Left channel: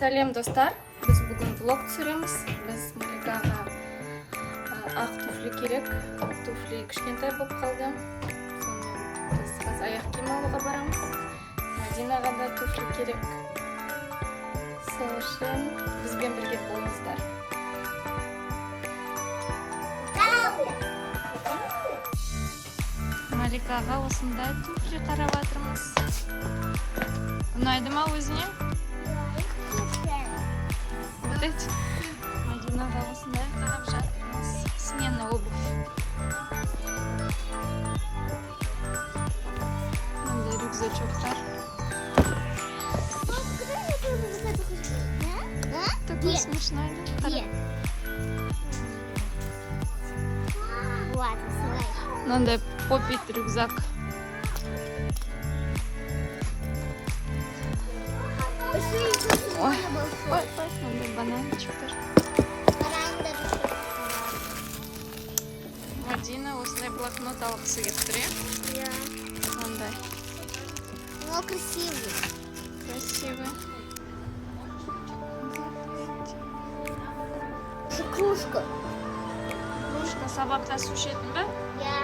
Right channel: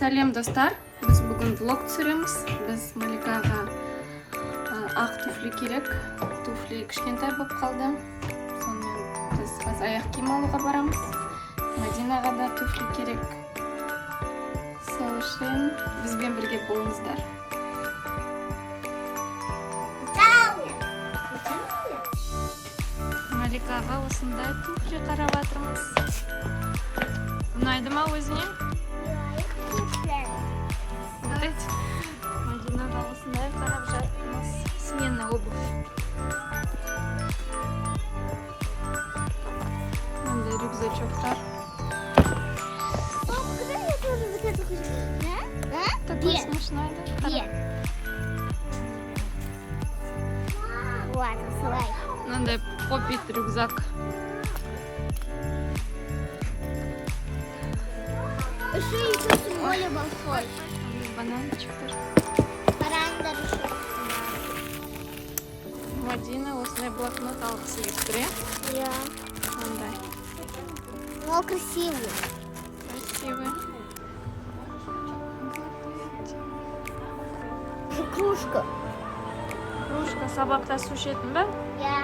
Сәлем достар, біз бүгін влог түсіреміз. Біз Маликаға ақ туфли керек. Туфли кішкентай болып қалды. Сонымен біз қазір аяқ киім алуға барамыз. Мадинаға да туфли керек. Сол үшін бізбен бірге болыңыздар. Маликаға осындай туфли қарап жатырмыз. Ұнайды ма өзіне? Мадинаға осындай қарап жатырмыз. Смена обувь. Мындай рюкзачоктар. Такой смешной, да? Надо попить рюкзак. Ой, бананчик тоже. Мадина осындай блокнот алғысы келіп тұр, иә? Қандай? О, красивый. Красивый. Кружка. Кружка сабақта су ішетін бе? Я.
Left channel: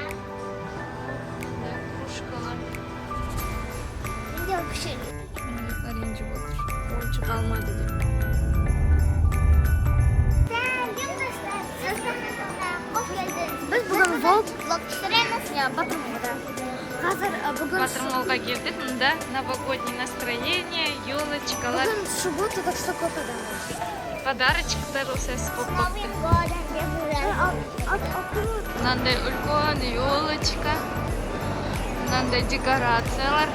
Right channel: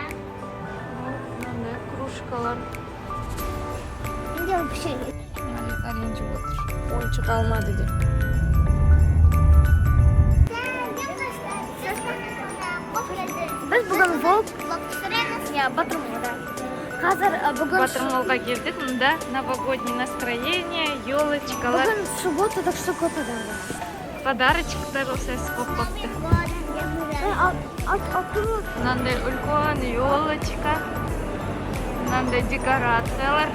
Мынандай кружкалар. Идем пішеге. Малика ренжіп отыр. Ойыншық алмады деп. Біз бүгін влог түсіреміз. Я Батырмолда. Қазір бүгін Батырмолға келдік. Мында новогодний настроение, елочкалар. Бүгін суббота, так что көтеді. Подарочктар осы көп қопты. Мынандай үлкен елочка. Мынандай декорациялар.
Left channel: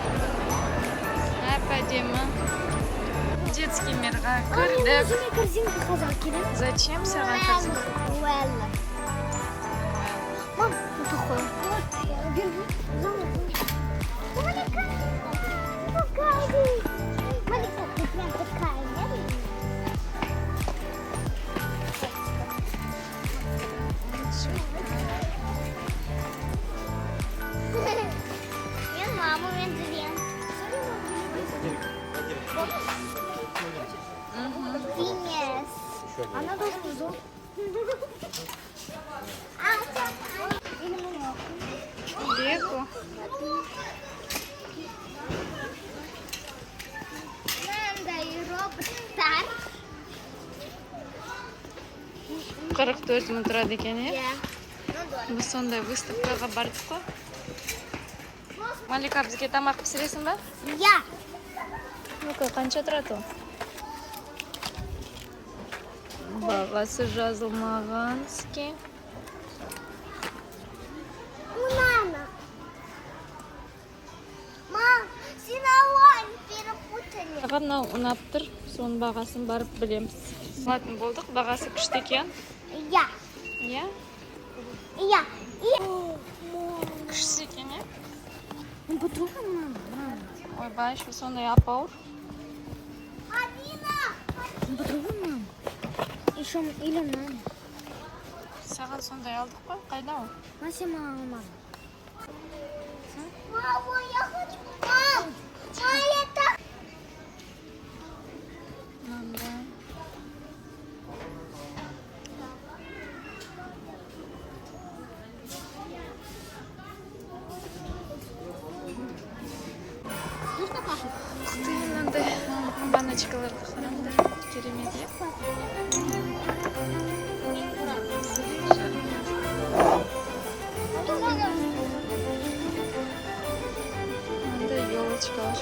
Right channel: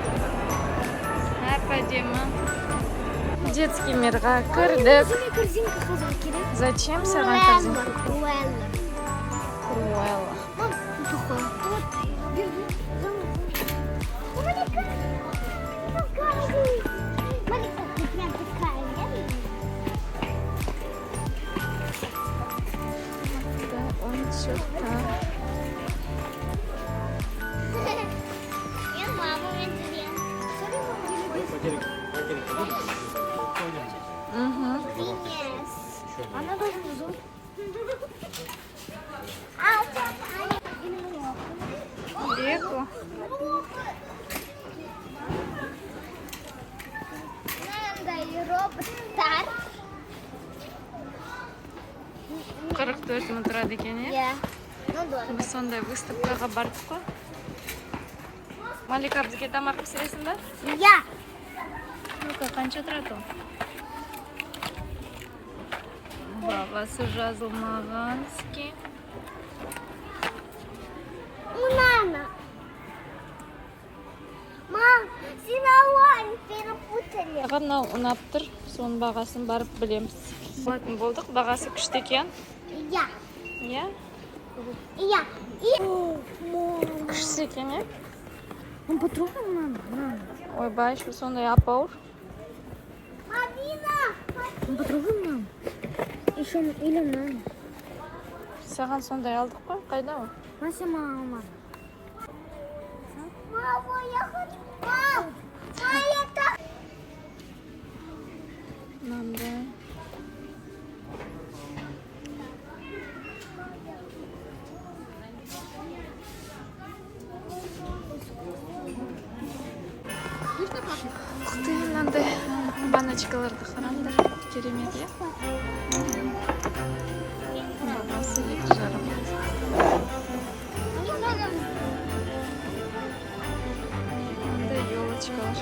Әп-әдемі. Детский мирға кірдік. Корзинка қазір керек. Зачем саған корзинка? Круэлла. Круэлла. Вот такой. Малика, ты прям такая, нет? Он что-то... Я маму видела. Винес. Она должна зуб. Лего. Мындай роботтар. 44 мың тұрады екен, е? Иә. Ну, дорого. Біз сондай выставкаға бардық қой. Малика, бізге тамақ пісіресің ба? Иә. Ну-ка, қанша тұрады ол? Бағасы жазылмаған іске. Мама. Мам, сен ауаны перепутали. Маған мынау ұнап тұр, соның бағасын барып білеміз. Алатын болдық, бағасы күшті екен. Иә. Иә? Иә. Күшті екен, е? Он потрогал, мама? Ойбай, що сондай ап-ауыр. Мамина! Он потрогал, мама? Еще или мама? Саған сондай алдық қой, қайда ол? Мася, мама. Мама, я хочу. Мам! А это... Мынандай. Ух ты, мынандай баночкаларды қараңдар. Керемет, е? Бағасы 2,5. Мынандай елочкалар.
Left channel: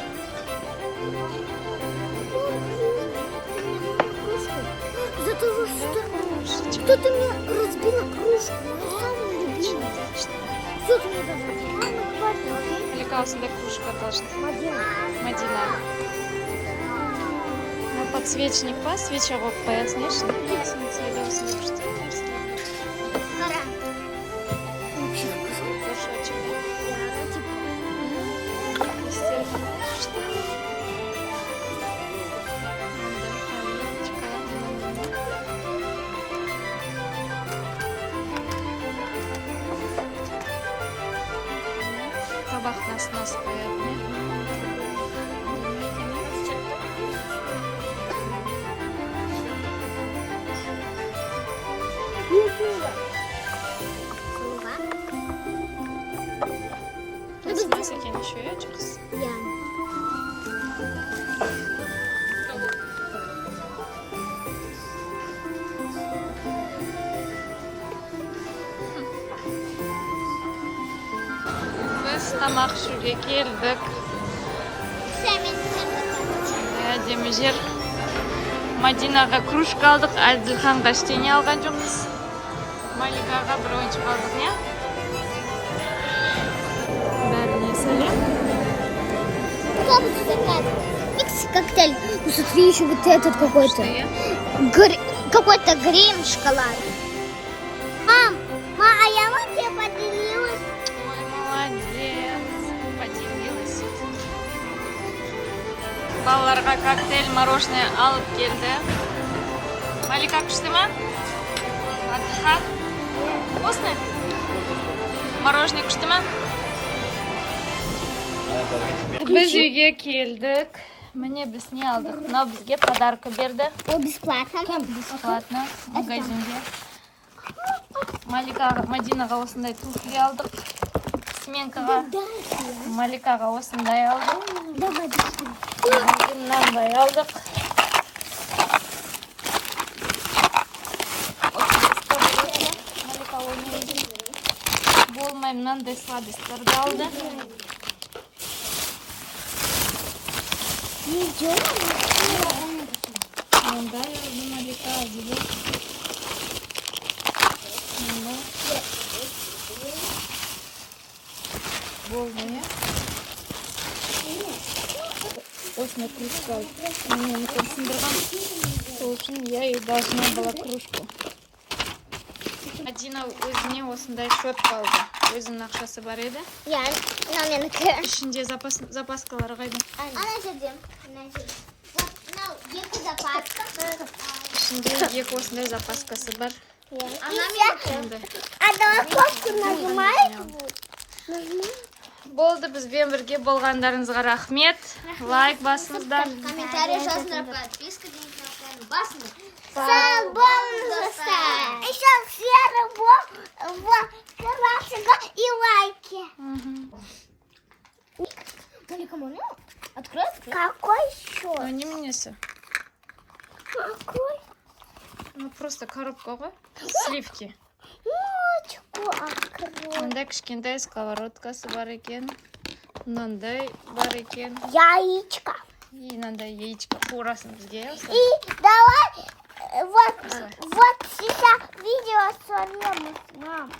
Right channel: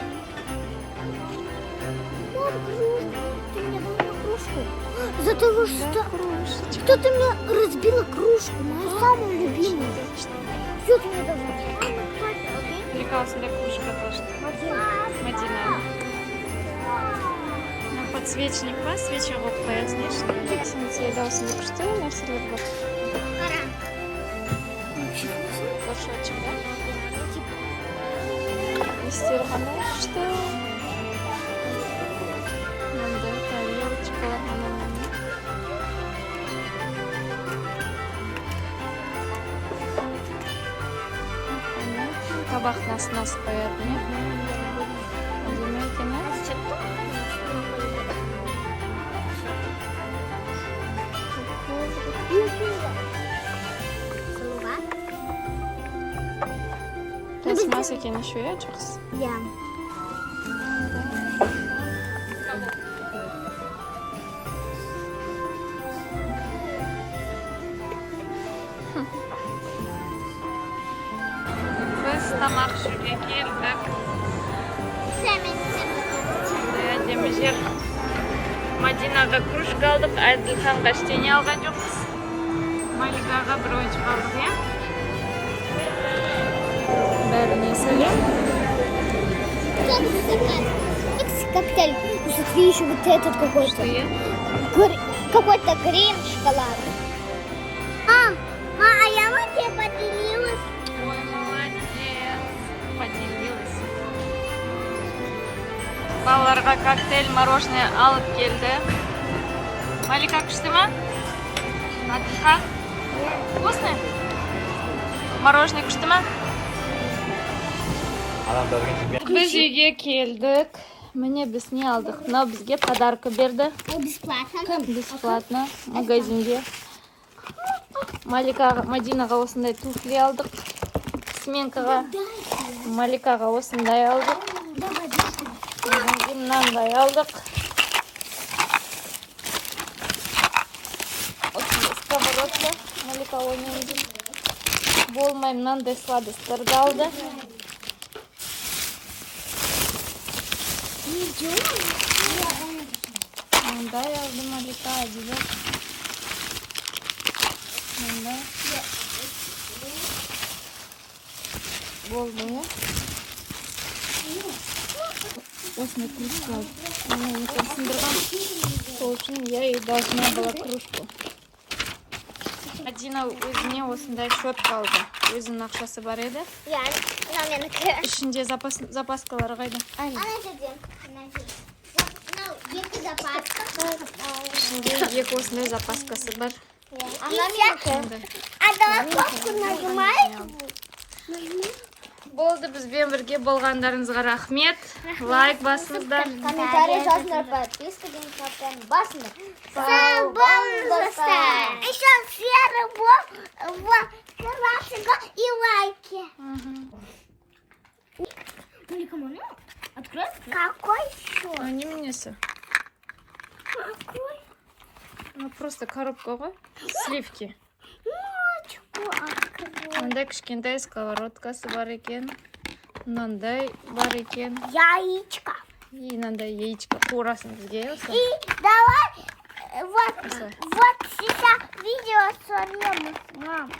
За того, что ты мне разбила кружку, мою самую любимую. Все, ты мне даже. Малика осындай кружка должна. Мадина. Подсвечник па, свеча қойып қоясың, е, шын. Осындай күшті нәрселер бар. Горшочек, да? Иістері қандай күшті. Мындай тарелочкалар, мынандай. Табақ нас қоятын, е? Әдемі екен, е? Пластмасса екен еще, я жақсы. Я. Біз тамақ ішуге келдік. Әдемі жер. Мадинаға кружка алдық, Әділханға ештеңе алған жоқпыз. Маликаға бір ойыншық алдық, я? Бәріне сәлем. Коктейль. Ну, смотри, еще вот этот какой-то. Что я? Какой-то грим шоколада. Мам, а я вот тебе поделилась. Ой, молодец. Поделилась. Балаларға коктейль, мороженое алып келді. Малика күшті ма? Әділхан? Вкусно? Мороженое күшті ма? Біз үйге келдік. Міне біз не алдық? Мынау бізге подарка берді. О, бесплатно? Бесплатно. Магазинде. Мадинаға осындай туфли алдық. Сменкаға. Маликаға осындай алдық. Мынандай алдық. Малика ойнайды. Болмай мынандай сладостарды алды. Мындай алды Малика алды. Мындай. Болды, я? Осыны книжка алды. Оны сындырған. Сол үшін я и должна была кружку. Мадина өзіне осындай щетка алды. Өзінің ақшасы бар еді. Я. Менікі. Ішінде запаскалары қайда. Ішінде екі осындай запаскасы бар. Мындай. А давай кофту нажимаем. Болды, бізбен бірге болғандарыңызға рахмет. Лайк басыңыздар. Комментарий жазыңыздар, подписка басыңыздар. Сәл болыңыздар. Еще все красиво и лайки. Малика, можно открыть? Какой счет? Не менесі. Какой? Ну, просто коробка ғой. Сливки. Ночку открыть. Мындай кішкентай сковородкасы бар екен. Мынандай бар екен. Яичко. И мынандай яичко қуырасын бізге. И давай вот сейчас видео сорвем. Мам.